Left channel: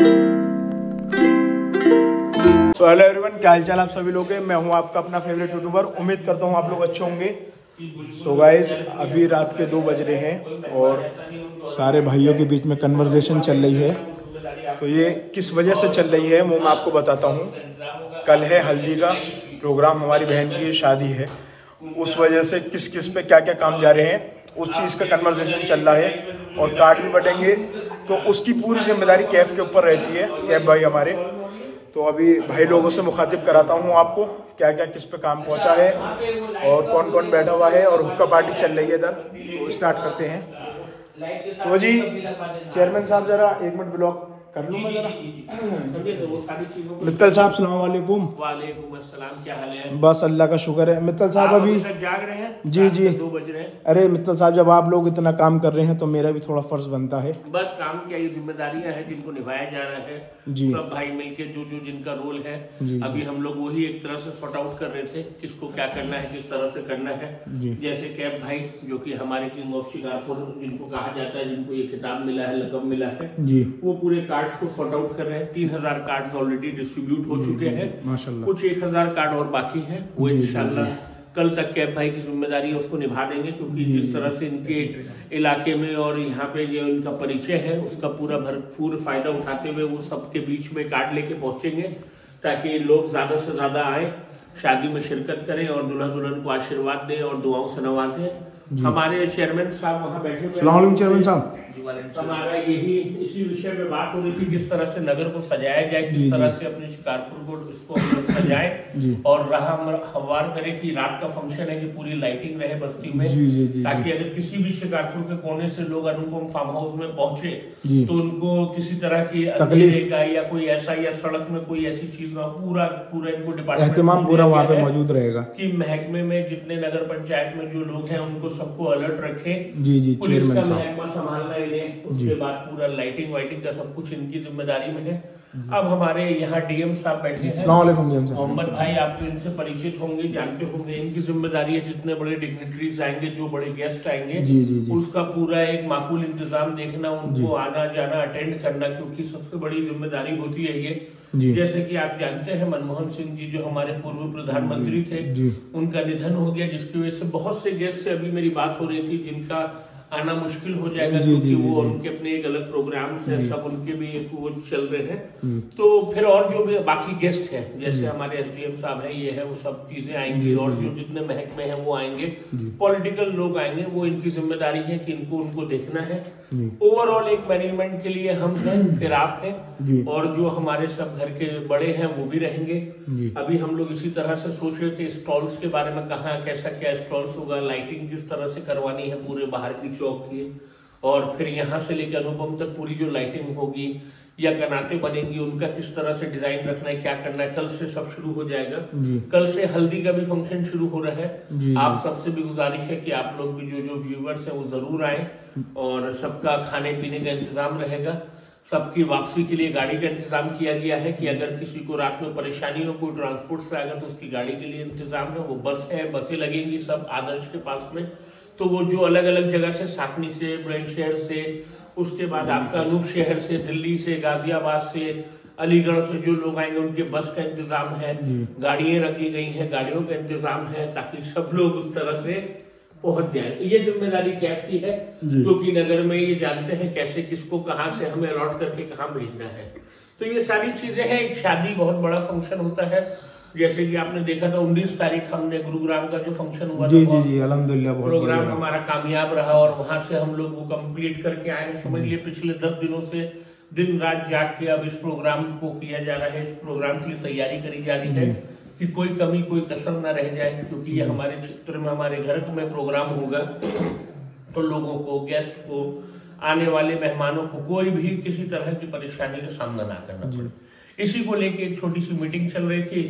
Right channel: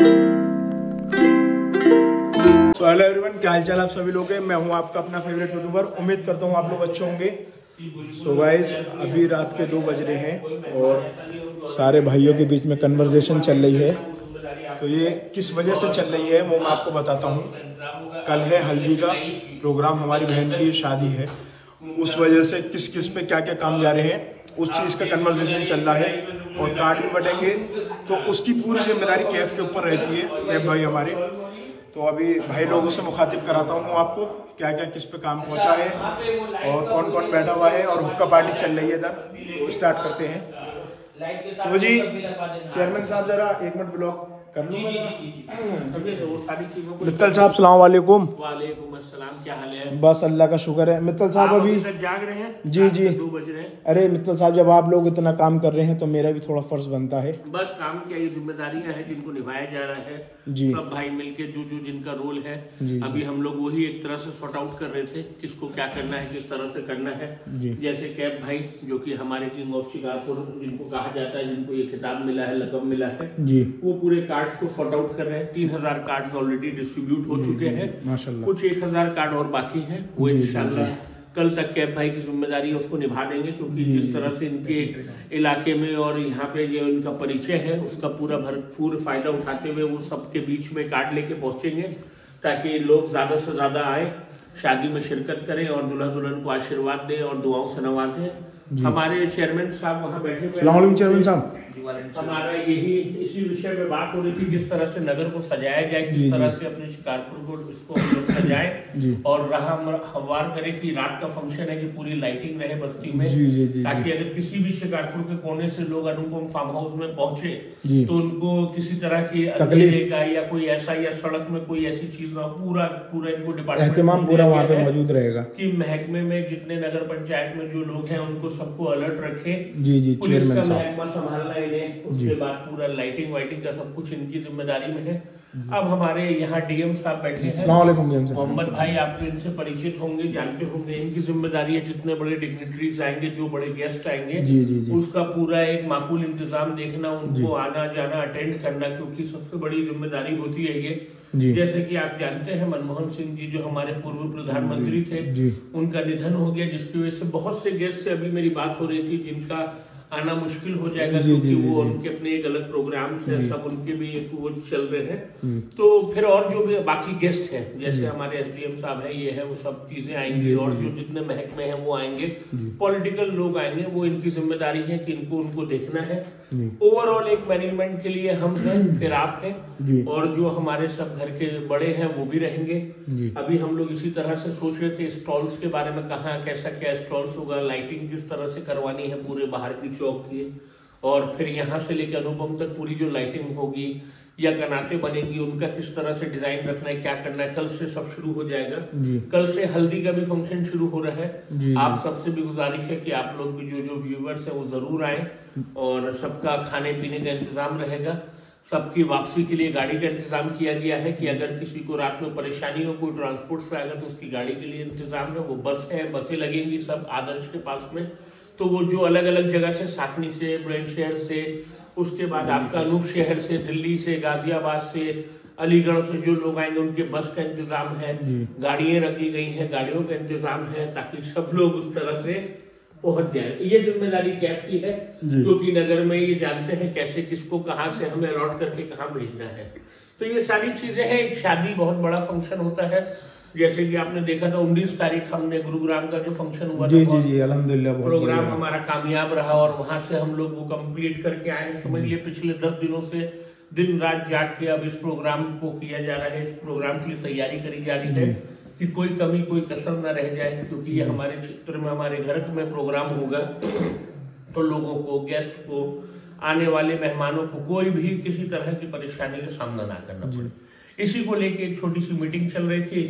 तो hello everyone, क्या हाल चाल आप सभी लोग हैं। मैं हूं आपका अपना फेवरेट यूट्यूबर। उम्मीद करता हूं आप लोग अच्छे होंगे। सो गाइज, अभी रात के 2 बज रहे हैं और सारे भाइयों के बीच में कन्वर्सेशन चल रही है। तो ये किस वजह से चल रही है वो मैं आपको बताता हूँ। कल है हल्दी का प्रोग्राम, हमारी बहन की शादी है। उस वजह से किस किस पे क्या क्या काम जा रहे हैं उस चीज़ का कन्वर्सेशन चल रहा है और कार्ड भी बटेंगे। तो उसकी पूरी जिम्मेदारी कैफ के ऊपर रहती है, कैफ भाई हमारे। तो अभी भाई लोगों से मुखातिब कराता हूँ आपको क्या क्या किस पे काम पहुंचा है और कौन कौन बैठा हुआ है और हुक्का पार्टी चल रही है इधर। तो स्टार्ट करते हैं। तो जी चेयरमैन साहब जरा 1 मिनट ब्लॉक कर लूँ मैं जरा। मित्तल साहब सलाम वालेकुम। वालेकुम अस्सलाम, क्या हाल है? बस अल्लाह का शुक्र है। मित्तल साहब अभी जाग रहे हैं? जी जी 2 बज रहे हैं। अरे मित्तल साहब, जब आप लोग इतना काम कर रहे हैं तो मेरा भी थोड़ा फर्ज बनता है। बस काम क्या, ये जिम्मेदारियां हैं जिनको निभाया जा रहा है जी। सब भाई मिलके जो जो जिनका रोल है जी, अभी हम लोग वही एक तरह से सॉर्ट आउट कर रहे थे किसको क्या करना है, किस तरह से करना है जी। जैसे कैब भाई जो कि हमारे किंग ऑफ शिकारपुर जिनको कहा जाता है, जिनको ये खिताब मिला है, लकब मिला है जी, वो पूरे कार्ड्स को सॉर्ट आउट कर रहे हैं। 3000 कार्ड्स ऑलरेडी डिस्ट्रीब्यूट हो चुके हैं, माशाल्लाह। कुछ 1000 कार्ड और बाकी हैं। वो इंशाल्लाह कल तक कैब भाई की जिम्मेदारी है उसको निभा देंगे, क्योंकि जिस तरह से इनके इलाके में और यहाँ पे जो इनका परिचय है उसका पूरा भरपूर फायदा उठाते हुए वो सबके बीच में कार्ड लेके पहुंचेंगे ताकि लोग ज्यादा से ज्यादा आए, शादी में शिरकत करें और दुल्हा दुल्हन को आशीर्वाद दें और दुआओं से नवाजें। हमारे चेयरमैन साहब वहाँ बैठे हुए। चेयरमैन साहब, हमारा यही इसी विषय में बात हो रही थी, किस तरह से नगर को सजाया जाए, किस तरह से अपने शिकारपुर को इसको हम लोग सजाए और रहा हमवार करें कि रात का फंक्शन है कि पूरी लाइटिंग रहे बस्ती में, ताकि अगर किसी भी शिकारपुर के कोने से लोग अनुपम फार्म हाउस में पहुंचे तो उनको किसी तरह की अंधेरे का या कोई ऐसा या सड़क में कोई ऐसी चीज ना, पूरा इनको डिपार्टमेंट पूरा वहाँ पे मौजूद रहेगा कि महकमे में जितने नगर पंचायत में जो लोग हैं उनको सबको अलर्ट रखें। जी, पुलिस का महकमा संभालना इन्हें, उसके बाद पूरा लाइटिंग वाइटिंग का सब कुछ इनकी जिम्मेदारी में है। अब हमारे यहाँ डीएम साहब बैठे हैं, मोहम्मद भाई, आप तो इनसे परिचित होंगे, जानते होंगे। इनकी जिम्मेदारी है जितने बड़े डिग्निटरीज आएंगे, जो बड़े गेस्ट आएंगे, उसका पूरा एक माकूल इंतजाम देखना, उनको आना जाना अटेंड करना, क्योंकि सबसे बड़ी जिम्मेदारी होती है ये। जैसे कि आप जानते हैं मनमोहन सिंह जी जो हमारे पूर्व प्रधानमंत्री थे, उनका निधन हो गया, जिसकी वजह से बहुत से गेस्ट से अभी मेरी बात हो रही थी जिनका आना मुश्किल हो जाएगा, क्योंकि वो उनके अपने एक अलग प्रोग्राम से सब उनके भी एक वो चल रहे हैं। तो फिर और जो भी बाकी गेस्ट हैं जैसे हमारे एसडीएम साहब है, ये है, वो सब चीजें आएंगी और जो जितने महकमे हैं वो आएंगे, पॉलिटिकल लोग आएंगे। वो इनकी जिम्मेदारी है कि इनको उनको देखना है। ओवरऑल एक मैनेजमेंट के लिए हम हैं, फिर आप हैं और जो हमारे सब घर के बड़े हैं वो भी रहेंगे। अभी हम लोग इसी तरह से सोच रहे थे स्टॉल्स के बारे में, कहाँ कैसा क्या स्टॉल्स होगा, लाइटिंग किस तरह से करवानी है पूरे बाहर की चौक की, और फिर यहाँ से लेकर अनुपम तक पूरी जो लाइटिंग होगी या कनाते बनेंगी उनका किस तरह से डिजाइन रखना है, क्या करना है। कल से सब शुरू हो जाएगा। कल से हल्दी का भी फंक्शन शुरू हो रहा है। आप सबसे भी गुजारिश है कि आप लोग भी जो व्यूवर्स हैं वो जरूर आए और सबका खाने पीने का इंतजाम रहेगा। सबकी वापसी के लिए गाड़ी का इंतजाम किया गया है कि अगर किसी को रात में परेशानी हो, कोई ट्रांसपोर्ट से आएगा तो उसकी गाड़ी के लिए इंतजाम है। वो बस है, बसें लगेंगी सब आदर्श के पास में। तो वो जो अलग अलग जगह से, साकनी से, बुलंदशहर से, उसके बाद आपका अनूप शहर से, दिल्ली से, गाजियाबाद से, अलीगढ़ से जो लोग आएंगे उनके बस का इंतजाम है, गाड़ियां रखी गई हैं, गाड़ियों का इंतजाम है ताकि सब लोग उस तरह से पहुंच जाए। ये जिम्मेदारी कैफ की है, क्योंकि नगर में ये जानते हैं कैसे किसको कहाँ से हमें अलॉट करके कहाँ भेजना है। तो ये सारी चीजें हैं। एक शादी बहुत बड़ा फंक्शन होता है, जैसे कि आपने देखा था 19 तारीख हमने गुरुग्राम का जो फंक्शन हुआ था, अल्हम्दुलिल्लाह प्रोग्राम हमारा कामयाब रहा और वहां से हम लोग वो कंप्लीट करके आए हैं। समझ लिए पिछले 10 दिनों से दिन रात जाग के अब इस प्रोग्राम को किया जा रहा है, इस प्रोग्राम की तैयारी करी जा रही है कि कोई कमी कोई कसर ना रह जाए, क्योंकि ये हमारे क्षेत्र में हमारे घर में प्रोग्राम होगा तो लोगों को, गेस्ट को, आने वाले मेहमानों को कोई भी किसी तरह की परेशानी का सामना ना करना पड़े। इसी को लेके एक छोटी सी मीटिंग चल रही थी,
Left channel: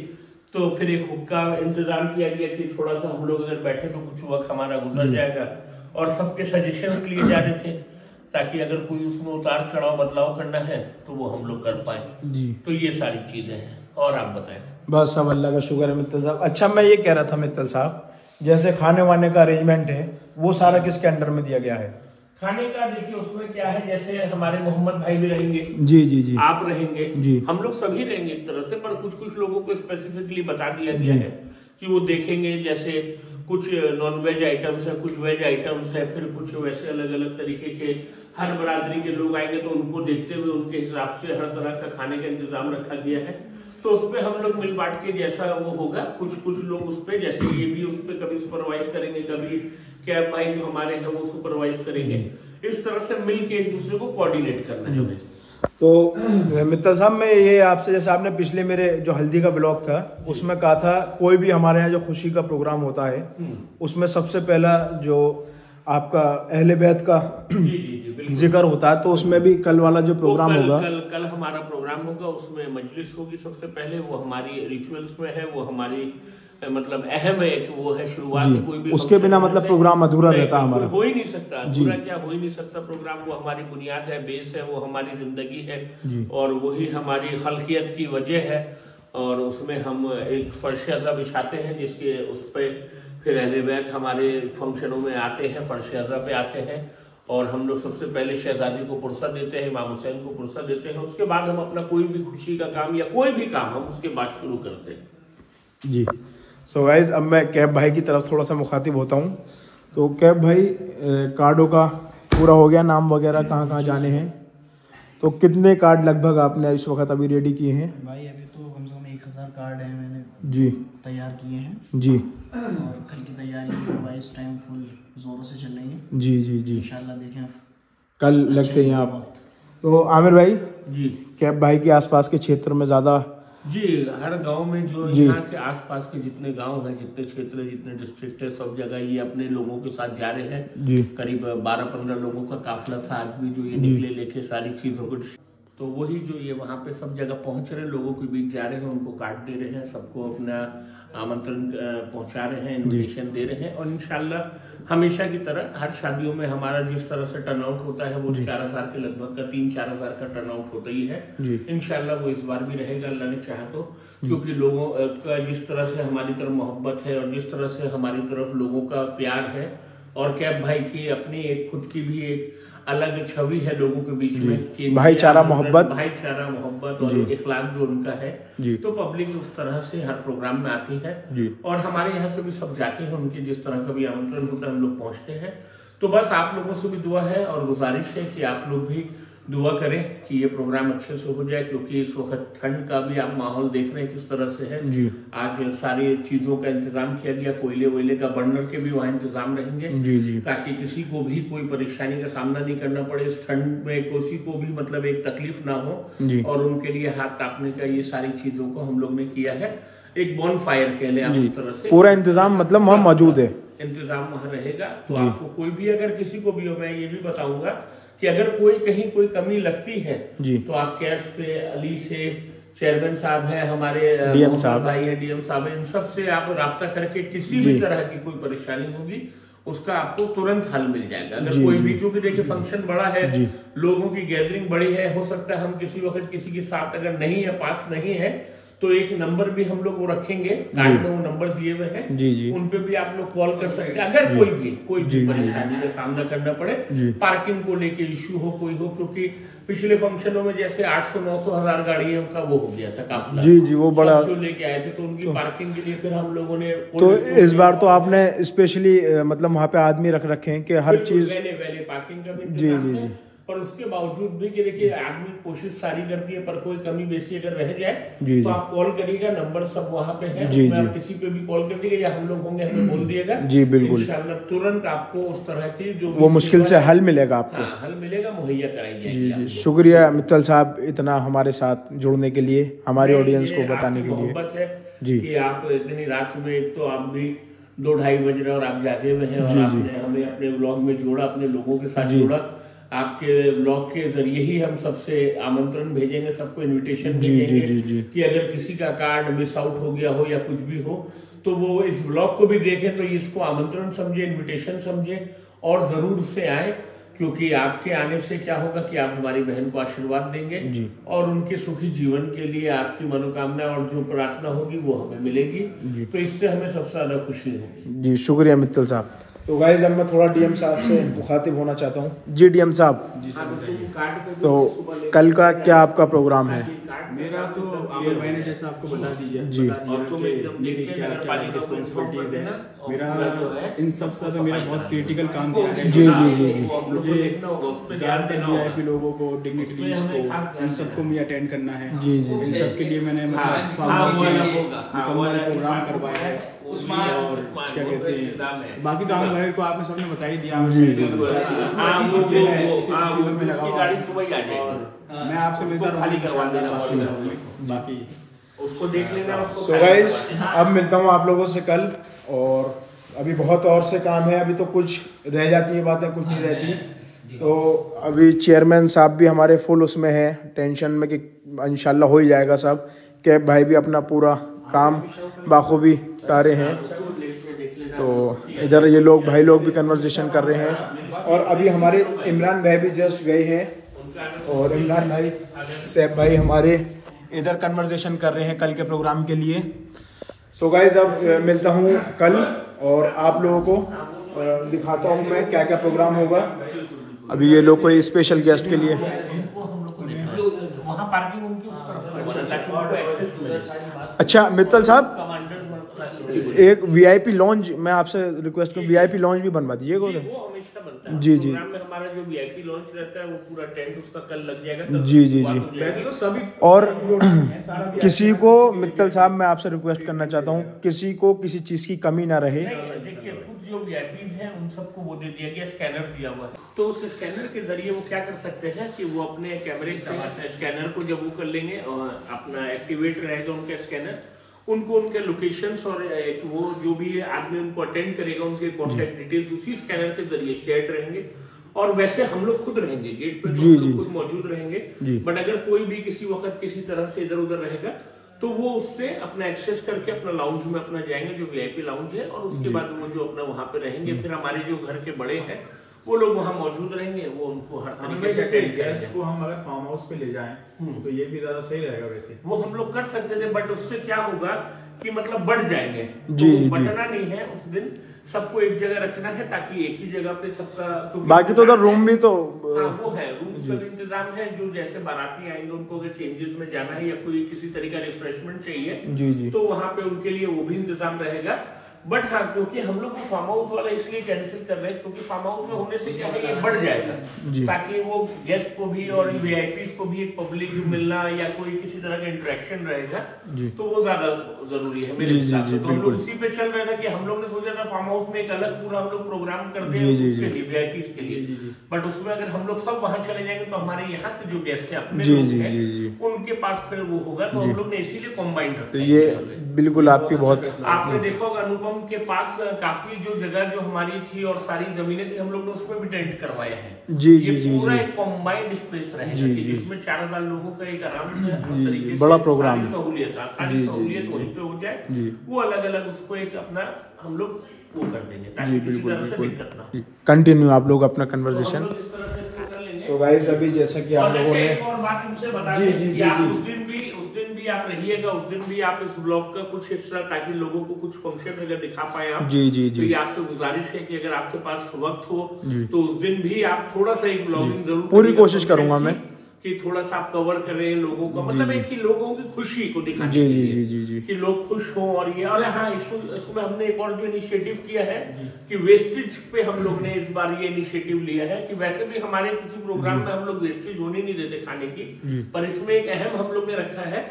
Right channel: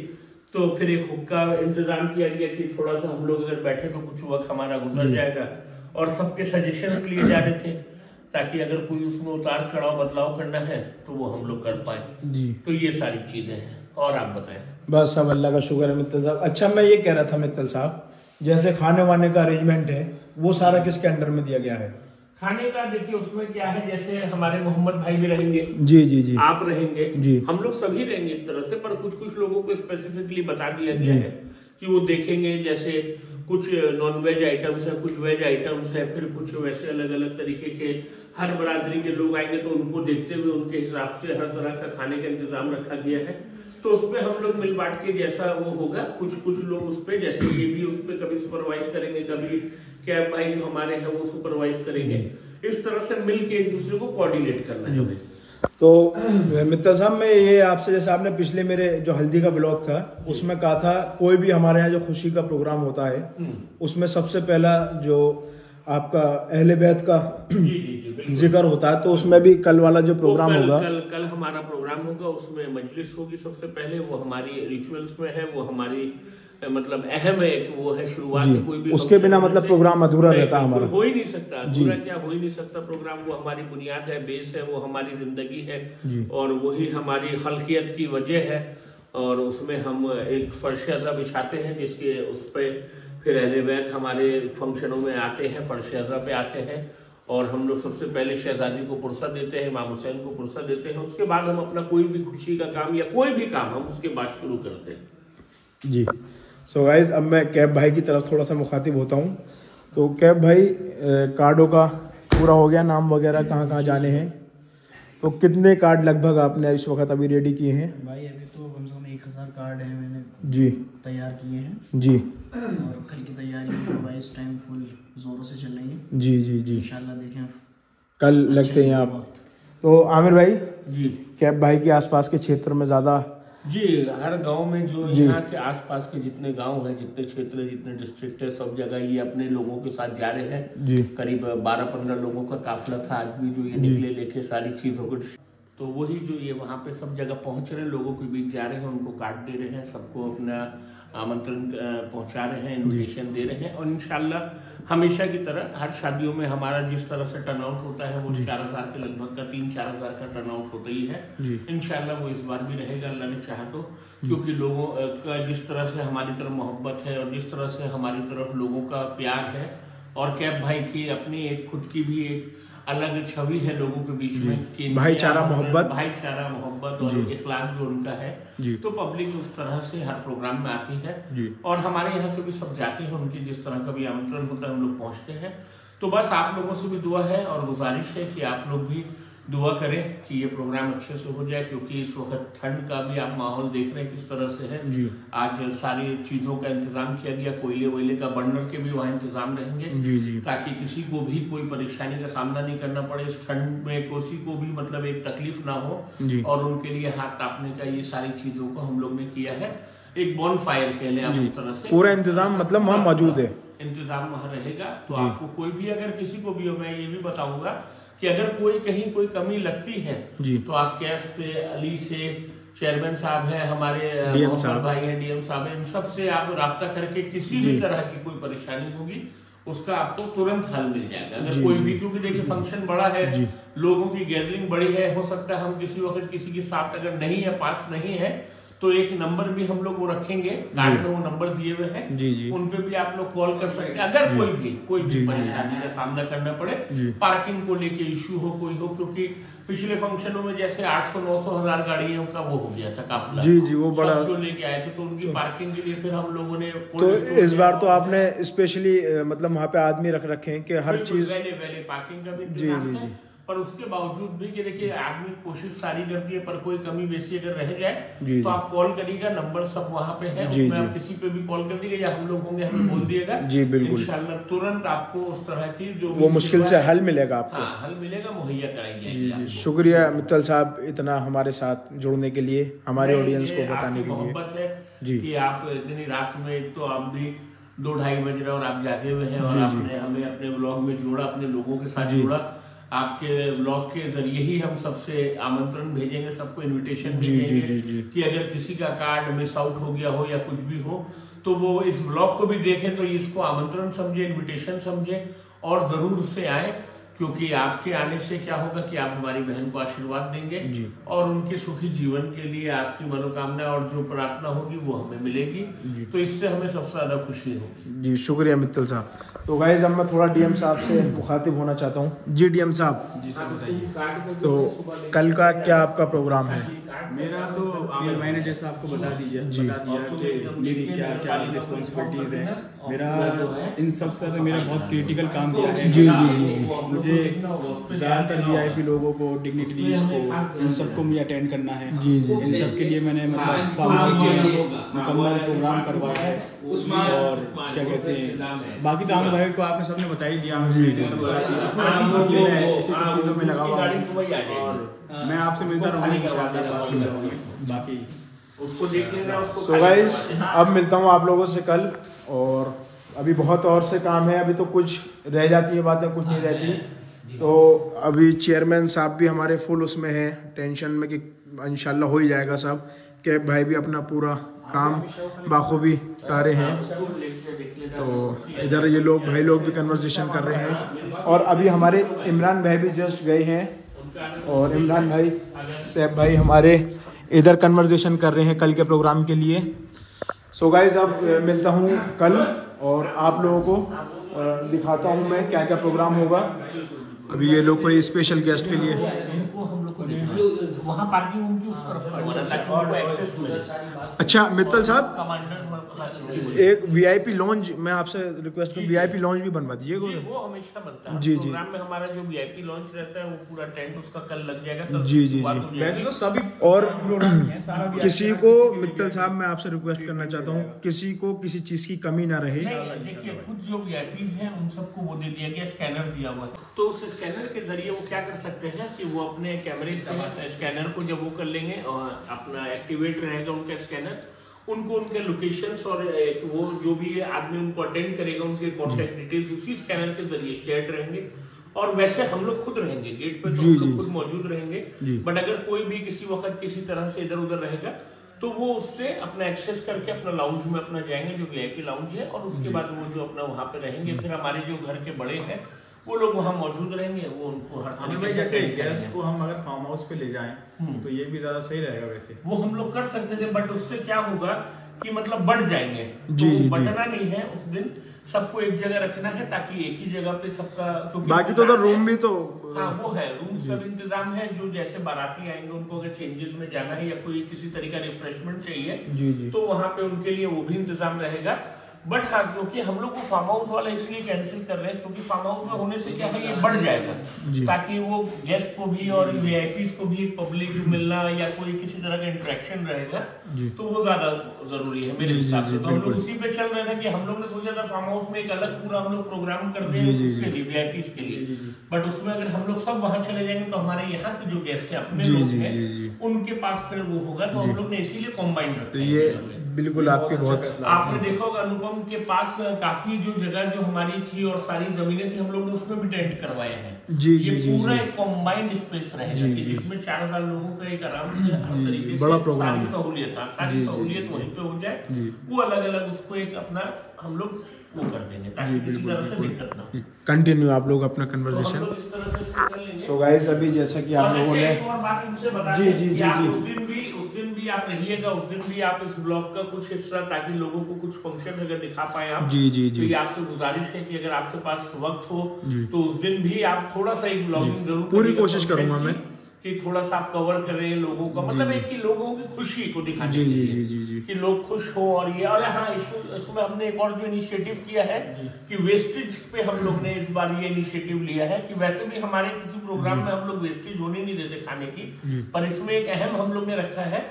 तो फिर एक हुक्का इंतजाम किया गया कि थोड़ा सा हम लोग अगर बैठे तो कुछ वक्त हमारा गुजर जाएगा, और सबके सजेशंस लिए जा रहे थे ताकि अगर कोई उसमें उतार चढ़ाव बदलाव करना है तो वो हम लोग कर पाए। तो ये सारी चीजें हैं। और आप बताएं? बस सब अल्लाह का शुक्र है मित्तल साहब। अच्छा, मैं ये कह रहा था मित्तल साहब, जैसे खाने वाने का अरेंजमेंट है वो सारा किसके अंडर में दिया गया है? खाने का देखिए उसमें क्या है, जैसे हमारे मोहम्मद भाई भी रहेंगे, जी जी जी, आप रहेंगे जी, हम लोग सभी रहेंगे एक तरह से, पर कुछ कुछ लोगों को स्पेसिफिकली बता दिया गया है कि वो देखेंगे, जैसे कुछ नॉन वेज आइटम्स है, कुछ वेज आइटम्स है, फिर कुछ वैसे अलग अलग तरीके के हर बरादरी के लोग आएंगे, तो उनको देखते हुए उनके हिसाब से हर तरह का खाने का इंतजाम रखा गया है। तो उसपे हम लोग मिल बांट के जैसा वो होगा, कुछ लोग उस पे, जैसे ये भी उस पे कभी सुपरवाइज करेंगे, कभी कैब भाई जो हमारे हैं वो सुपरवाइज करेंगे। इस तरह से मिल के एक दूसरे को कोऑर्डिनेट करना है हमें। तो मित्तल साहब, मैं ये आपसे, जैसे आपने पिछले मेरे जो हल्दी का ब्लॉग था उसमें कहा था, कोई भी हमारे यहाँ जो खुशी का प्रोग्राम होता है उसमें सबसे पहला जो आपका अहले बैत का जिक्र होता है, तो उसमें भी कल वाला जो प्रोग्राम होगा, कल हमारा प्रोग्राम होगा, उसमें मजलिस होगी सबसे पहले, वो हमारी रिचुअल्स में है, वो हमारी मतलब अहम है, वो है शुरुआत है। कोई भी उसके बिना मतलब प्रोग्राम अधूरा रहता है हमारा, हो ही नहीं सकता, अधूरा क्या हो ही नहीं सकता प्रोग्राम। वो हमारी बुनियाद है, बेस है, वो हमारी जिंदगी है और वही हमारी खल्कियत की वजह है। और उसमें हम एक फर्श अज़ा बिछाते हैं, जिसके उस पर फिर अहले बैत हमारे फंक्शनों में आते हैं, फर्श अज़ा पे आते हैं, और हम लोग सबसे पहले शहजादी को पुरसा देते हैं, इमाम हुसैन को पुरसा देते हैं। उसके बाद हम अपना कोई भी खुशी का काम या कोई भी काम हम उसके बाद शुरू करते हैं। जी। सो गाइज, अब मैं कैब भाई की तरफ थोड़ा सा मुखातिब होता हूँ। तो कैब भाई, कार्डों का पूरा हो गया, नाम वगैरह कहाँ कहाँ जाने हैं, तो कितने कार्ड लगभग आपने इस वक्त अभी रेडी किए हैं? भाई अभी तो कम से कम 1000 कार्ड हैं मैंने जी तैयार किए हैं जी, और कल की तैयारी जो भाई इस टाइम फुल जोरों से चल रही है। जी जी जी, इंशाल्लाह देखें कल लगते हैं आप। तो आमिर भाई जी, कैब भाई के आसपास के क्षेत्र में ज़्यादा, जी हर गांव में जो यहाँ के आसपास के जितने गांव हैं, जितने क्षेत्र, जितने डिस्ट्रिक्ट है, सब जगह ये अपने लोगों के साथ जा रहे हैं। करीब 12-15 लोगों का काफिला था आज भी, जो ये निकले लेके सारी चीजों को। तो वही जो ये वहाँ पे सब जगह पहुंच रहे हैं, लोगों के बीच जा रहे हैं, उनको कार्ड दे रहे हैं, सबको अपना आमंत्रण पहुंचा रहे हैं, इन्विटेशन दे रहे हैं। और इंशाल्लाह हमेशा की तरह हर शादियों में हमारा जिस तरह से टर्नआउट होता है, वो 4000 के लगभग का 3-4 हजार का टर्नआउट होता ही है। इंशाल्लाह वो इस बार भी रहेगा, अल्लाह ने चाहा तो, क्योंकि लोगों का जिस तरह से हमारी तरफ मोहब्बत है और जिस तरह से हमारी तरफ लोगों का प्यार है, और कैब भाई की अपनी एक खुद की भी एक अलग छवि है लोगों के बीच में कि भाईचारा मोहब्बत और इखलाक जो उनका है, तो पब्लिक उस तरह से हर प्रोग्राम में आती है। और हमारे यहाँ से भी सब जाते हैं, उनके जिस तरह का भी आमंत्रण होता है हम लोग पहुँचते हैं। तो बस आप लोगों से भी दुआ है और गुजारिश है कि आप लोग भी दुआ करें कि ये प्रोग्राम अच्छे से हो जाए, क्योंकि इस वक्त ठंड का भी आप माहौल देख रहे हैं किस तरह से है। आज सारी चीजों का इंतजाम किया गया, कोयले वोयले का, बर्नर के भी वहाँ इंतजाम रहेंगे, ताकि किसी को भी कोई परेशानी का सामना नहीं करना पड़े इस ठंड में, किसी को भी मतलब एक तकलीफ ना हो, और उनके लिए हाथ तापने का ये सारी चीजों को हम लोग ने किया है। एक बॉन फायर कह लें आप उस तरह से, पूरा इंतजाम मतलब वहाँ मौजूद है, इंतजाम वहाँ रहेगा। तो आपको कोई भी अगर किसी को भी हो, मैं ये भी बताऊंगा कि अगर कोई कहीं कोई कमी लगती है तो आप कैश पे, अली से, चेयरमैन साहब हैं हमारे, डीएम साहब भाई हैं, डीएम साहब हैं, इन सब से आप राब्ता करके किसी भी तरह की कोई परेशानी होगी उसका आपको तुरंत हल मिल जाएगा। अगर कोई भी, क्योंकि देखिए फंक्शन बड़ा है, लोगों की गैदरिंग बड़ी है, हो सकता है हम किसी वक्त किसी के साथ अगर नहीं है, पास नहीं है, तो एक नंबर भी हम लोग वो रखेंगे, कार्ड में वो नंबर दिए हुए हैं, उन पे भी आप लोग कॉल कर सकते हैं अगर कोई भी परेशानी का सामना करना पड़े, पार्किंग को लेके इश्यू हो, कोई हो, क्योंकि पिछले फंक्शनों में जैसे 800-900 गाड़ियों का वो हो गया था काफिला, जी वो बड़ा जो लेके आए थे, तो उनकी पार्किंग के लिए फिर हम लोगों ने, तो इस बार तो आपने स्पेशली मतलब वहाँ पे आदमी रख रखे हैं कि हर चीज वैले पार्किंग का भी इंतजाम है। पर उसके बावजूद भी कि देखिए आदमी कोशिश सारी करती है, पर कोई कमी बेसी अगर रह जाए तो आप कॉल करिएगा, नंबर सब वहाँ पे है, उसमें आप किसी पे भी कॉल कर दीजिएगा या हम लोग होंगे, हमें बोल दिएगा, जी बिल्कुल, इंशाल्लाह तुरंत आपको उस तरह की जो वो मुश्किल से हल मिलेगा आपको, हल मिलेगा, मुहैया कराई जाएगी। शुक्रिया मित्तल साहब इतना हमारे साथ जुड़ने के लिए, हमारे ऑडियंस को बताने के लिए। मोहब्बत है कि आप इतनी रात में, एक तो आप भी 2-2:30 बज रहे और आप जागे हुए हैं, और आपने हमें अपने व्लॉग में जोड़ा, अपने लोगों के साथ जोड़ा। आपके ब्लॉग के जरिए ही हम सबसे आमंत्रण भेजेंगे, सबको इनविटेशन भेजेंगे कि अगर किसी का कार्ड मिस आउट हो गया हो या कुछ भी हो, तो वो इस ब्लॉग को भी देखें, तो इसको आमंत्रण समझे, इनविटेशन समझे और जरूर से आए, क्योंकि आपके आने से क्या होगा कि आप हमारी बहन को आशीर्वाद देंगे और उनके सुखी जीवन के लिए आपकी मनोकामना और जो प्रार्थना होगी वो हमें मिलेगी, तो इससे हमें सबसे ज्यादा खुशी होगी। जी शुक्रिया मित्तल साहब। तो गाइज अब मैं थोड़ा डीएम साहब से मुखातिब होना चाहता हूँ। जी डीएम साहब। जी सर बताइए। तो कल का क्या आपका प्रोग्राम है? मेरा तो आमिर भाई ने जैसा आपको बता दिया कि मेरी क्या क्या रिस्पॉन्सिबिलिटीज़ है। मेरा इन सब से मेरा बहुत क्रिटिकल काम दिया है। जी जी जी जी। मुझे ज़्यादातर VIP लोगों को, डिग्निटरीज को, उन सबको मुझे अटेंड करना है। जी जी इन सब के लिए मैंने मतलब फार्म हाउस में मुकम्मल प्रोग्राम करवाया है। और क्या कहते हैं, बाकी तो आमिर भाई को आपने सबने बता ही दिया। जी जी। मैं इसी सब चीज़ों में लगा हुआ हूँ और मैं आपसे मिलता रहूँगा बाकी उसको देख लेना। सो गाइज अब मिलता हूँ आप लोगों से कल, और अभी बहुत और से काम है। अभी तो कुछ रह जाती है बातें, कुछ नहीं रहती। तो अभी चेयरमैन साहब भी हमारे फुल उसमें हैं, टेंशन में कि इंशाल्लाह हो ही जाएगा सब। कैब भाई भी अपना पूरा काम बाखूबी तारे हैं। तो इधर ये लोग भाई लोग भी कन्वर्सेशन कर रहे हैं, और अभी हमारे इमरान भाई भी जस्ट गए हैं, और इमरान भाई सैफ भाई हमारे इधर कन्वर्सेशन कर रहे हैं कल के प्रोग्राम के लिए। सो गाइज अब मिलता हूँ कल, और आप लोगों को दिखाता हूँ मैं क्या क्या प्रोग्राम होगा। अभी ये लोग कोई स्पेशल गेस्ट के लिए वहाँ पार्किंग उनकी उस तरफ ताकि उनको एक्सेस मिले। अच्छा मित्तल साहब, एक VIP लॉन्ज मैं आपसे रिक्वेस्ट करूँ, VIP लॉन्ज भी बनवा दीजिएगा। वो हमेशा बनता है। जी जी। प्रोग्राम में हमारा जो VIP लॉन्च रहता है वो पूरा टेंट उसका कल लग जाएगा। जी जी जी। तो सभी और किसी को मित्तल साहब मैं आपसे रिक्वेस्ट करना चाहता हूँ, किसी को किसी चीज की कमी ना रहे। देखिए कुछ जो VIPs हैं उन सबको वो दे दिया गया, स्कैनर दिया हुआ है। तो उस स्कैनर के जरिए वो क्या कर सकते हैं कि वो अपने कैमरे से स्कैनर को जब वो कर लेंगे और अपना एक्टिवेट रहेगा उनका स्कैनर, उनको उनके लोकेशंस और वो जो भी आदमी उनको अटेंड करेगा उनके कॉन्टेक्ट डिटेल्स उसी स्कैनर के जरिए शेयर रहेंगे। और वैसे हम लोग खुद रहेंगे गेट पे, तो हम लोग खुद मौजूद रहेंगे। बट अगर कोई भी किसी वक्त किसी तरह से इधर उधर रहेगा तो वो उससे अपना एक्सेस करके अपना लाउंज में अपना जाएंगे जो VIP लाउंज है, और उसके बाद वो जो अपना वहाँ पे रहेंगे। फिर हमारे जो घर के बड़े हैं वो लोग वहाँ मौजूद रहेंगे, वो उनको हर तरीके से अटेंड करेंगे। गेस्ट को हम अगर फार्म हाउस पे ले जाएं तो ये भी ज्यादा सही रहेगा। वैसे वो हम लोग कर सकते थे, बट उससे क्या होगा कि मतलब बढ़ जाएंगे। जी, तो जी, बटना नहीं है उस दिन, सबको एक जगह रखना है ताकि एक ही जगह पे सबका, बाकी तो उधर रूम भी तो हाँ वो है, रूम्स का भी इंतजाम है। जो जैसे बाराती आएंगे उनको अगर चेंजेस में जाना है या कोई किसी तरह का रिफ्रेशमेंट चाहिए जी जी। तो वहां पे उनके लिए वो भी इंतजाम रहेगा। बट हाँ, क्योंकि हम लोग फार्म हाउस वाला इसलिए कैंसिल कर रहे हैं क्योंकि फार्म हाउस में होने से क्या है ये बढ़ जाएगा, ताकि वो गेस्ट को भी और VIPs को भी एक पब्लिक मिलना या कोई किसी तरह का इंटरेक्शन रहेगा, तो वो ज्यादा जरूरी है मेरे हिसाब से। तो हम लोग उसी पे चल रहे थे कि हम लोग ने सोचा था फार्म हाउस में एक अलग पूरा हम लोग प्रोग्राम कर दें उसके लिए VIPs के लिए। बट उसमें अगर हम लोग सब वहां चले जाएंगे तो हमारे यहाँ के जो गेस्ट है अपने लोग हैं उनके पास फिर वो होगा, तो हम लोग ने इसीलिए कॉम्बाइंड रखा है। ये बिल्कुल आपकी बहुत, आपने देखा होगा अनुपम के पास काफी जो जगह जो हमारी थी और सारी जमीनें थी हम लोग ने उसमें भी टेंट करवाए हैं। जी ये जी पूरा जी। एक कॉम्बाइंड स्पेस रहेगा कि जिसमें 4000 लोगों का एक आराम से हर तरीके से बड़ा प्रोग्राम सारी सहूलियत वहीं पे हो जाए। वो अलग अलग उसको एक अपना हम लोग वो कर देंगे ताकि किसी तरह से दिक्कत ना हो। कंटिन्यू आप लोग अपना कन्वर्सेशन। सो गाइस अभी जैसा कि आप लोगों ने और बात हमसे बता जी दें जी कि जी आप जी उस दिन भी आप रहिएगा, उस दिन भी आप इस ब्लॉग का कुछ हिस्सा, ताकि लोगों को कुछ फंक्शन अगर दिखा पाए आप। जी जी तो जी ये आपसे गुजारिश है कि अगर आपके पास वक्त हो तो उस दिन भी आप थोड़ा सा एक ब्लॉगिंग जरूर पूरी कोशिश करूंगा मैं कि थोड़ा सा आप कवर करें लोगों का, मतलब एक कि लोगों की खुशी को दिखाने जी के जी लिए जी जी कि लोग खुश हों। और ये और हाँ इसमें हमने एक और जो इनिशिएटिव किया है कि वेस्टेज पे हम लोग ने इस बार ये इनिशिएटिव लिया है कि वैसे भी हमारे किसी प्रोग्राम में हम लोग वेस्टेज होने नहीं देते खाने की, पर इसमें एक अहम हम लोग ने रखा है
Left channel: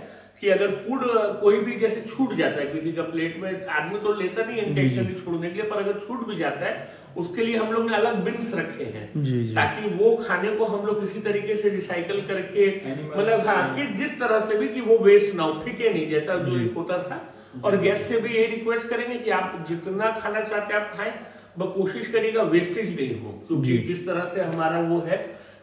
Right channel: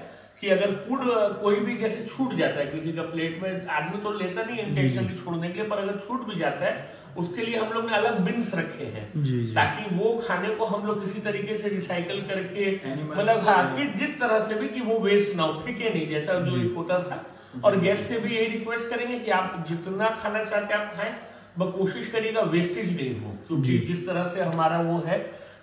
कि अगर फूड कोई भी जैसे छूट जाता है किसी का प्लेट में, आदमी तो लेता नहीं इंटेंशनली छोड़ने के लिए, पर अगर छूट भी जाता है उसके लिए हम लोग ने अलग बिन्स रखे हैं ताकि वो खाने को हम लोग किसी तरीके से रिसाइकल करके, मतलब हाँ कि जिस तरह से भी कि वो वेस्ट ना हो, फेंके नहीं जैसा जो एक होता था। और गेस्ट से भी यही रिक्वेस्ट करेंगे कि आप जितना खाना चाहते हैं आप खाएं, बस कोशिश करिएगा वेस्टेज नहीं हो, क्योंकि जिस तरह से हमारा वो है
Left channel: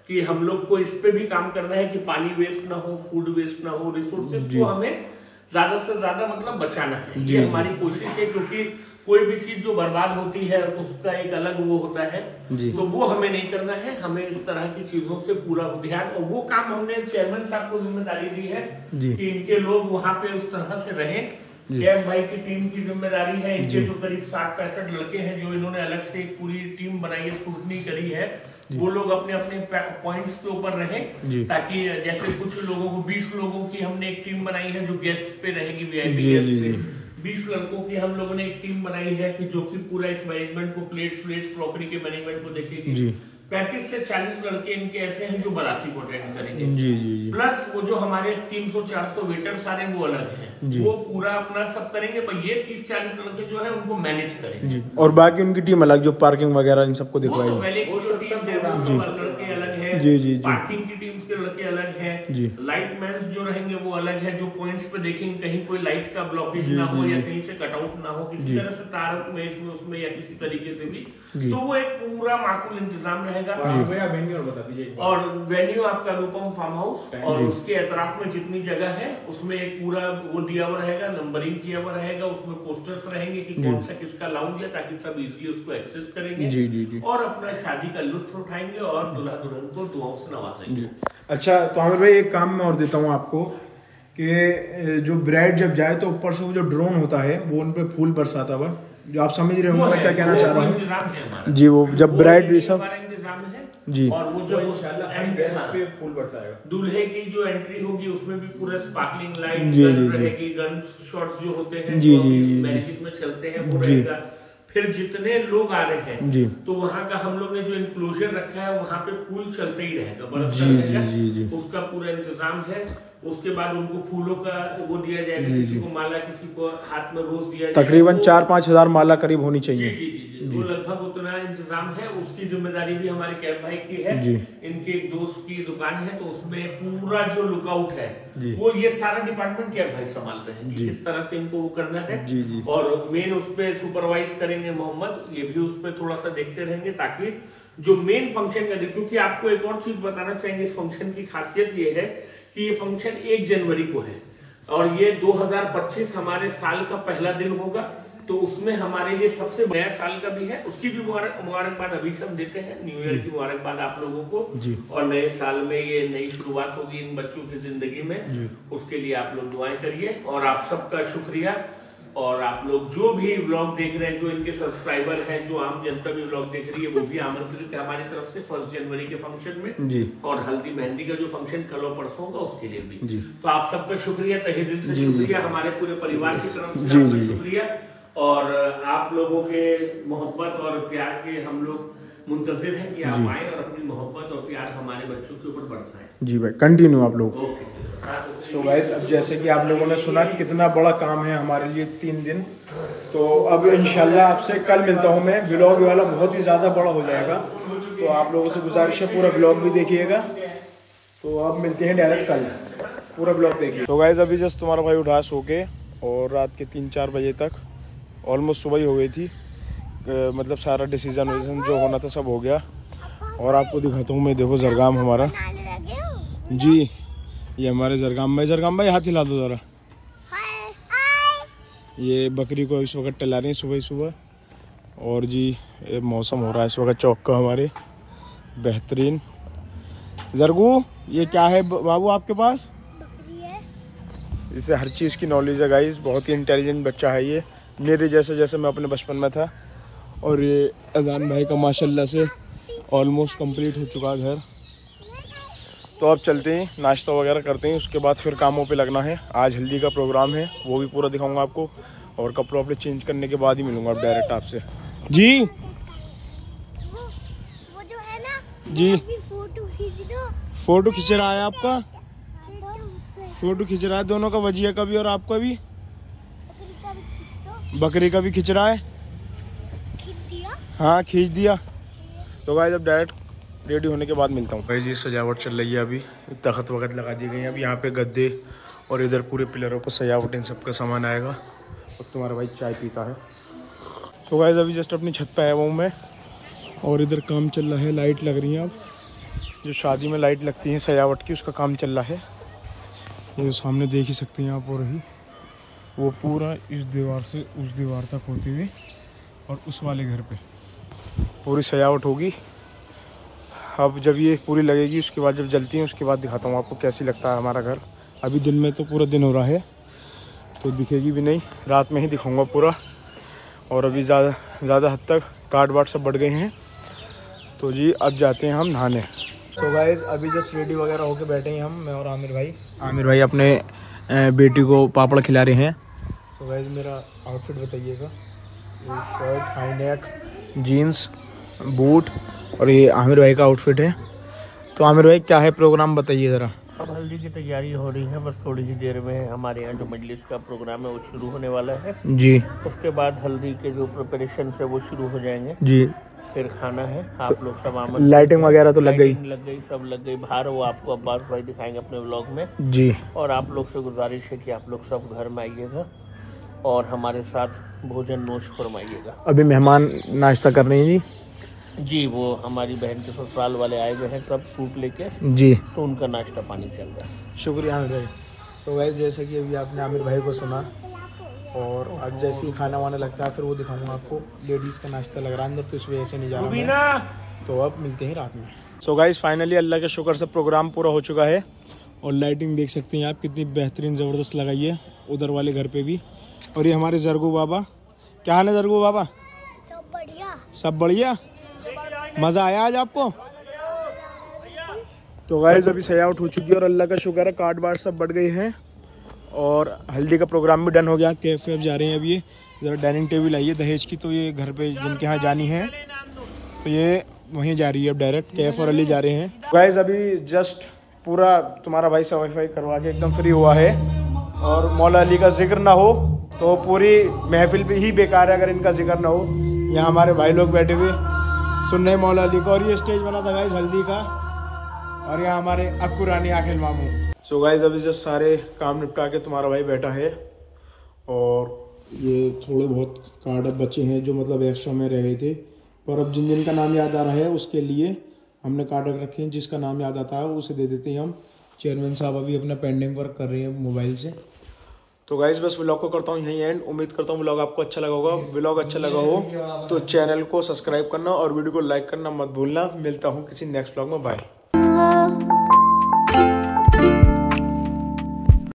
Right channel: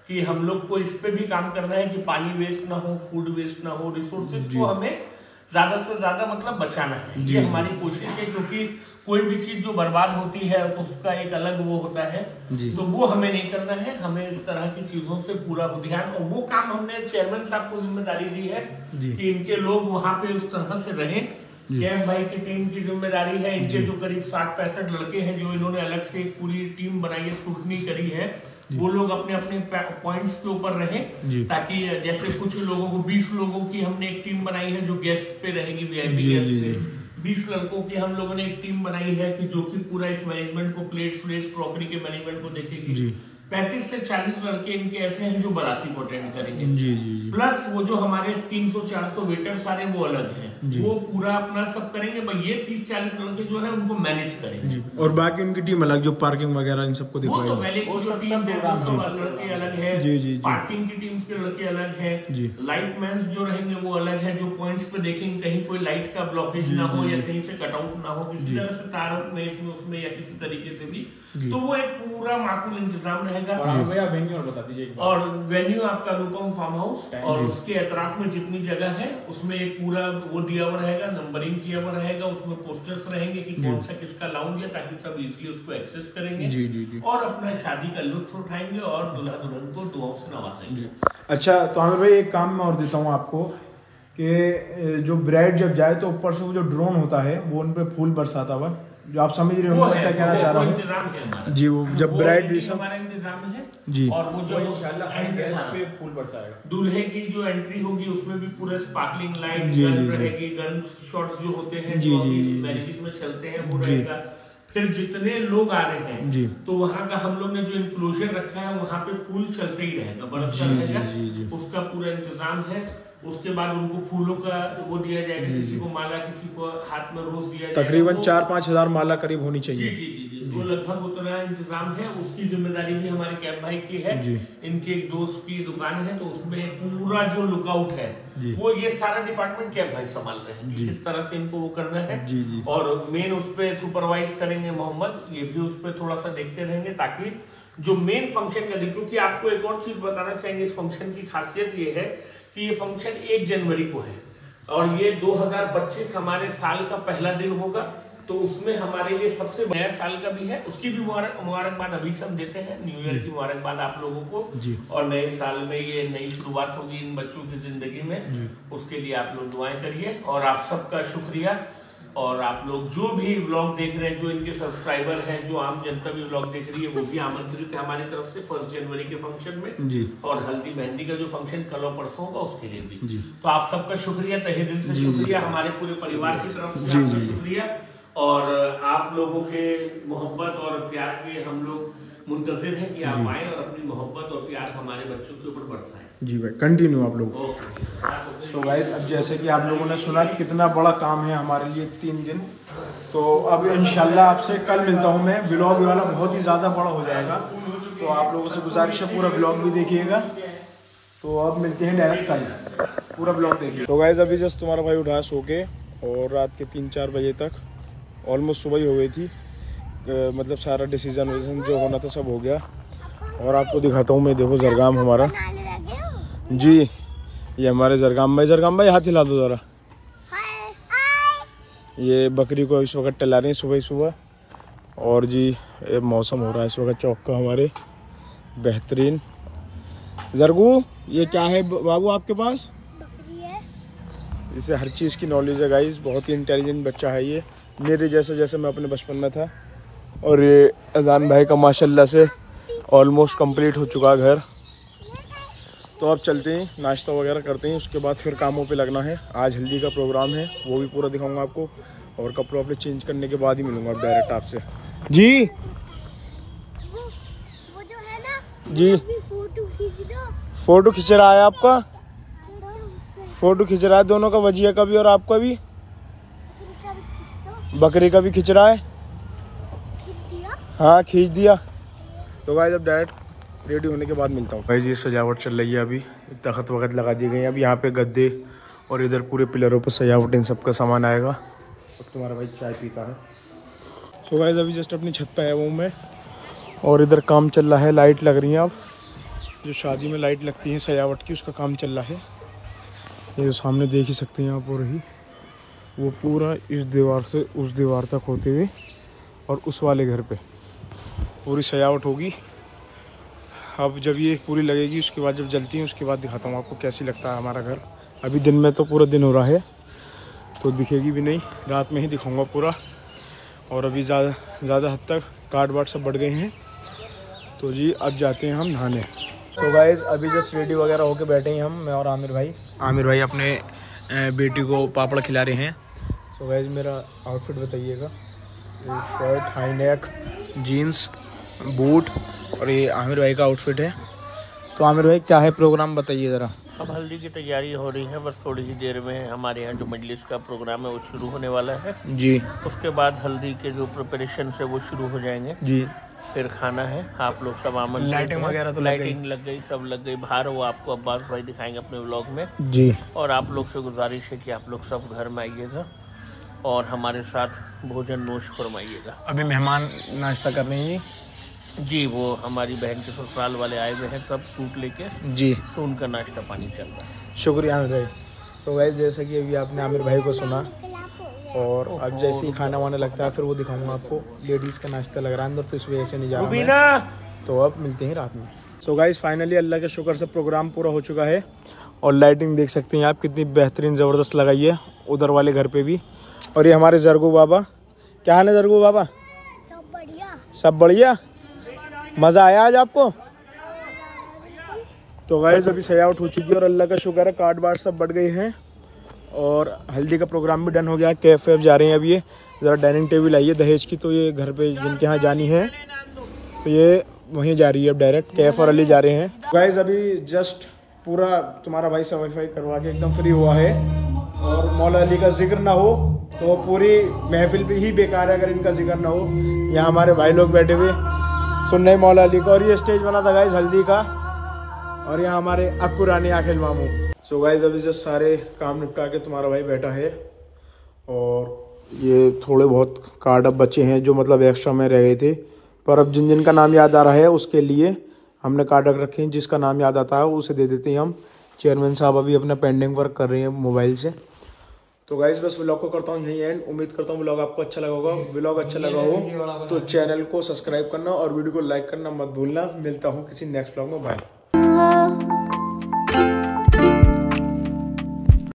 कि हम लोग को इस पे भी काम करना है कि पानी वेस्ट ना हो, फूड वेस्ट ना हो, रिसोर्सेज को हमें ज्यादा से ज्यादा मतलब बचाना है, ये हमारी कोशिश है। क्योंकि कोई भी चीज जो बर्बाद होती है उसका एक अलग वो होता है, तो वो हमें नहीं करना है। हमें इस तरह की चीजों से पूरा ध्यान, और वो काम हमने चेयरमैन साहब को जिम्मेदारी दी है कि इनके लोग वहां पे उस तरह से रहें कैम भाई की टीम की जिम्मेदारी है। इनके जो करीब 60-65 लड़के हैं जो इन्होंने अलग से एक पूरी टीम बनाई है, स्क्रूटनी करी है, वो लोग अपने अपने पॉइंट्स के ऊपर रहे, ताकि जैसे कुछ लोगों को 20 लोगों की हमने एक टीम बनाई है जो गेस्ट पे रहेगी, वीआईपी गेस्ट पे। 20 लड़कों की हम लोगों ने एक टीम बनाई है कि जो कि पूरा इस मैनेजमेंट को, प्लेट्स क्रॉकरी के मैनेजमेंट को देखेगी। 35 से 40 लड़के इनके ऐसे हैं जो बाराती को अटेंड करेंगे। प्लस वो जो हमारे 300-400 वेटर सारे वो अलग हैं, वो पूरा अपना सब करेंगे। ये 30-40 लड़के जो है उनको मैनेज करेंगे और बाकी उनकी टीम अलग जो पार्किंग वगैरह इन सबको दिखवाएगी। तो पहले की जो टीम 150 लड़के अलग है, पार्किंग की टीम के लड़के अलग है, लाइट मैन जो रहेंगे वो अलग है, जो पॉइंट्स पे देखेंगे कहीं कोई लाइट का ब्लॉकेज ना हो या कहीं से कटआउट ना हो किसी तरह से, तार में इसमें उसमें या किसी तरीके से भी, तो वो एक पूरा माकूल इंतजाम रहेगा। वेन्यू बता दीजिए। और वेन्यू आपका अनुपम फार्म हाउस, और उसके अतराफ में जितनी जगह है उसमें एक पूरा वो दिया हुआ रहेगा, नंबरिंग किया हुआ रहेगा, उसमें पोस्टर्स रहेंगे कि कौन सा किसका लाउंज है, ताकि सब इजीली उसको एक्सेस करेंगे और अपना शादी का लुत्फ उठाएंगे और दुल्हा दुल्हन को दुआओं से नवाजेंगे। अच्छा, तो आमिर भाई एक काम मैं और देता हूँ आपको कि जो ब्राइड जब जाए तो ऊपर से वो जो ड्रोन होता है वो उन पे फूल बरसाता हुआ, जो आप समझ रहे होंगे मैं क्या कहना चाह रहा हूँ जी। वो जब ब्राइड ये सब जी, और वो जो फूल बरसाएगा, दूल्हे की जो एंट्री होगी उसमें भी पूरा स्पार्कलिंग लाइट गन रहेगी, गन शॉट्स जो होते हैं जो मैरिजेस में चलते हैं वो रहेगा। फिर जितने लोग आ रहे हैं तो वहाँ का हम लोग ने जो इंक्लोजर रखा है वहाँ पे फूल चलते ही रहेगा, बरसता रहेगा, उसका पूरा इंतजाम है। उसके बाद उनको फूलों का वो दिया जाएगा, किसी को माला, किसी को हाथ में रोज दिया जाएगा। तकरीबन 4-5 हजार माला करीब होनी चाहिए। जी, वो लगभग उतना इंतजाम है। उसकी जिम्मेदारी भी हमारे कैब भाई की है। इनके एक दोस्त की दुकान है तो उसमें पूरा जो लुकआउट है वो ये सारा डिपार्टमेंट कैब भाई संभाल रहे हैं, किस तरह से इनको वो करना है। और मेन उस पर सुपरवाइज करेंगे मोहम्मद, ये भी उस पर थोड़ा सा देखते रहेंगे ताकि जो मेन फंक्शन का, क्योंकि आपको एक और चीज बताना चाहेंगे, इस फंक्शन की खासियत ये है कि ये फंक्शन 1 जनवरी को है और ये 2025 हमारे साल का पहला दिन होगा, तो उसमें हमारे लिए सबसे नया साल का भी है, उसकी भी मुबारकबाद अभी से हम देते हैं। न्यू ईयर की मुबारकबाद आप लोगों को, और नए साल में ये नई शुरुआत होगी इन बच्चों की जिंदगी में, उसके लिए आप लोग दुआएं करिए। और आप सबका शुक्रिया। और आप लोग जो भी व्लॉग देख रहे हैं, जो इनके सब्सक्राइबर हैं, जो आम जनता भी व्लॉग देख रही है, वो भी आमंत्रित है हमारी तरफ से 1 जनवरी के फंक्शन में, और हल्दी मेहंदी का जो फंक्शन कल और परसों होगा उसके लिए भी। तो आप सबका शुक्रिया, तहे दिल से शुक्रिया, हमारे पूरे परिवार की तरफ से आपका शुक्रिया। और आप लोगों के मोहब्बत और प्यार के हम लोग मुंतजिर हैं कि आप आए और अपनी मोहब्बत और प्यार हमारे बच्चों के ऊपर बरसाएं। जी भाई, कंटिन्यू आप लोग। सो गाइस, अब जैसे कि आप लोगों ने सुना कितना बड़ा काम है हमारे लिए 3 दिन, तो अब इंशाल्लाह आपसे कल मिलता हूँ मैं। व्लॉग वाला बहुत ही ज़्यादा बड़ा हो जाएगा, तो आप लोगों से गुजारिश है पूरा व्लॉग भी देखिएगा। तो अब मिलते हैं डायरेक्ट कल, पूरा व्लॉग देखिए। तो गाइस, अभी जस्ट तुम्हारा भाई उठा सो के, और रात के 3-4 बजे तक ऑलमोस्ट सुबह ही हो गई थी, मतलब सारा डिसीजन जो होना था सब हो गया। और आपको दिखाता हूँ मैं, देखो जरगाम हमारा जी, ये हमारे जरगाम भाई हाथ हिला दो ज़रा। ये बकरी को इस वक्त टला रहे हैं सुबह सुबह। और जी ये मौसम हो रहा है इस वक्त चौक का हमारे बेहतरीन। जरगू, ये क्या है बाबू आपके पास? बकरी है। इसे हर चीज़ की नॉलेज है गाइस, बहुत ही इंटेलिजेंट बच्चा है ये, मेरे जैसे मैं अपने बचपन में था। और ये अजान भाई का माशाल्लाह से ऑलमोस्ट कंप्लीट हो चुका है घर। तो अब चलते हैं, नाश्ता वगैरह करते हैं, उसके बाद फिर कामों पे लगना है। आज हल्दी का प्रोग्राम है, वो भी पूरा दिखाऊंगा आपको, और कपड़े वपड़े चेंज करने के बाद ही मिलूंगा डायरेक्ट आपसे। जी वो जो है ना जी, फोटो खींच दो। फोटो खींच रहा है आपका? फोटो खींच रहा है दोनों का, वजिया का भी और आपका भी। बकरी का भी खींच रहा है। हाँ खींच दिया। तो गाइस अब डायरेक्ट रेडी होने के बाद मिलता हूँ। भाई जी सजावट चल रही है, अभी तख्त वक्त लगा दी गई है। अब यहाँ पे गद्दे और इधर पूरे पिलरों पे सजावट, इन सब का सामान आएगा। अब तुम्हारा भाई चाय पीता है। सो गाइस अभी जस्ट अपनी छत पे आया हूँ मैं, और इधर काम चल रहा है, लाइट लग रही है। अब जो शादी में लाइट लगती है सजावट की, उसका काम चल रहा है। ये सामने देख ही सकते हैं आप, और ही वो पूरा इस दीवार से उस दीवार तक होते हुए, और उस वाले घर पे पूरी सजावट होगी। अब जब ये पूरी लगेगी, उसके बाद जब जलती है, उसके बाद दिखाता हूँ आपको कैसी लगता है हमारा घर। अभी दिन में तो पूरा दिन हो रहा है, तो दिखेगी भी नहीं, रात में ही दिखाऊंगा पूरा। और अभी ज़्यादा हद तक काट वाट सब बढ़ गए हैं। तो जी अब जाते हैं हम नहाने। तो गाइस अभी जस्ट रेडी वगैरह होके बैठे हैं हम, मैं और आमिर भाई अपने बेटी को पापड़ खिला रहे हैं। तो गाइस मेरा आउटफिट बताइएगा, ये shirt, high neck, jeans, boot, और ये आमिर भाई का आउटफिट है। तो आमिर भाई क्या है प्रोग्राम बताइए ज़रा। अब हल्दी की तैयारी हो रही है, बस थोड़ी ही देर में हमारे यहाँ जो मजलिस का प्रोग्राम है वो शुरू होने वाला है जी। उसके बाद हल्दी के जो प्रिपरेशन है वो शुरू हो जाएंगे जी। फिर खाना है। आप लोग सब आमंत्रित, लाइटिंग वगैरह तो लग गई, सब लग गई बाहर, वो आपको अब्बास भाई दिखाएंगे अपने व्लॉग में जी। और आप लोग से गुजारिश है कि आप लोग सब घर में आइएगा और हमारे साथ भोजन नोश फरमाइएगा। अभी मेहमान नाश्ता कर रहे हैं जी, वो हमारी बहन के ससुराल वाले आए हुए हैं सब सूट लेके जी, तो उनका नाश्ता पानी चल रहा है। शुक्रिया आमिर भाई। तो गाइस जैसे कि अभी आपने आमिर भाई को सुना, और अब जैसे ही खाना वाना लगता है फिर वो दिखाऊंगा आपको। लेडीज़ का नाश्ता लग रहा है अंदर, तो इस वजह से नहीं जा रहा मैं। तो अब मिलते हैं रात में। सो गाइस फाइनली अल्लाह के शुक्र से प्रोग्राम पूरा हो चुका है। और लाइटिंग देख सकते हैं आप कितनी बेहतरीन ज़बरदस्त लगाई है उधर वाले घर पे भी। और ये हमारे जरगू बाबा, क्या हाल है जरगू बाबा? सब बढ़िया, सब बढ़िया। मज़ा आया आज आपको? तो गाइस अभी सजावट हो चुकी है और अल्लाह का शुक्र है कार्ड वार्ड सब बढ़ गए हैं और हल्दी का प्रोग्राम भी डन हो गया। कैफ वैफ जा रहे हैं अभी। ये ज़रा डाइनिंग टेबल आई है दहेज की, तो ये घर पे जिनके यहाँ जानी है तो ये वहीं जा रही है अब डायरेक्ट। कैफ और अली जा रहे हैं। गाइस अभी जस्ट पूरा तुम्हारा भाई सफाई वफाई करवा के एकदम फ्री हुआ है। और मौला अली का जिक्र ना हो तो पूरी महफिल भी ही बेकार है अगर इनका जिक्र ना हो। यहाँ हमारे भाई लोग बैठे हुए सुन रहे मौला अली को। और ये स्टेज बना था गाइस हल्दी का। और यहाँ हमारे अक्कू रानी आखिल मामू। सो गाइस अभी जस्ट सारे काम निपटा के तुम्हारा भाई बैठा है। और ये थोड़े बहुत कार्ड अब बचे हैं जो मतलब एक्स्ट्रा में रह गए थे, पर अब जिन जिन का नाम याद आ रहा है उसके लिए हमने कार्ड रख रखे हैं। जिसका नाम याद आता है उसे दे देते हैं हम। चेयरमैन साहब अभी अपना पेंडिंग वर्क कर रहे हैं मोबाइल से। तो गाइस बस व्लॉग को करता हूँ यहीं एंड। उम्मीद करता हूँ व्लॉग आपको अच्छा लगा होगा। व्लॉग अच्छा लगा हो तो चैनल को सब्सक्राइब करना और वीडियो को लाइक करना मत भूलना। मिलता हूँ किसी नेक्स्ट व्लॉग में। बाय।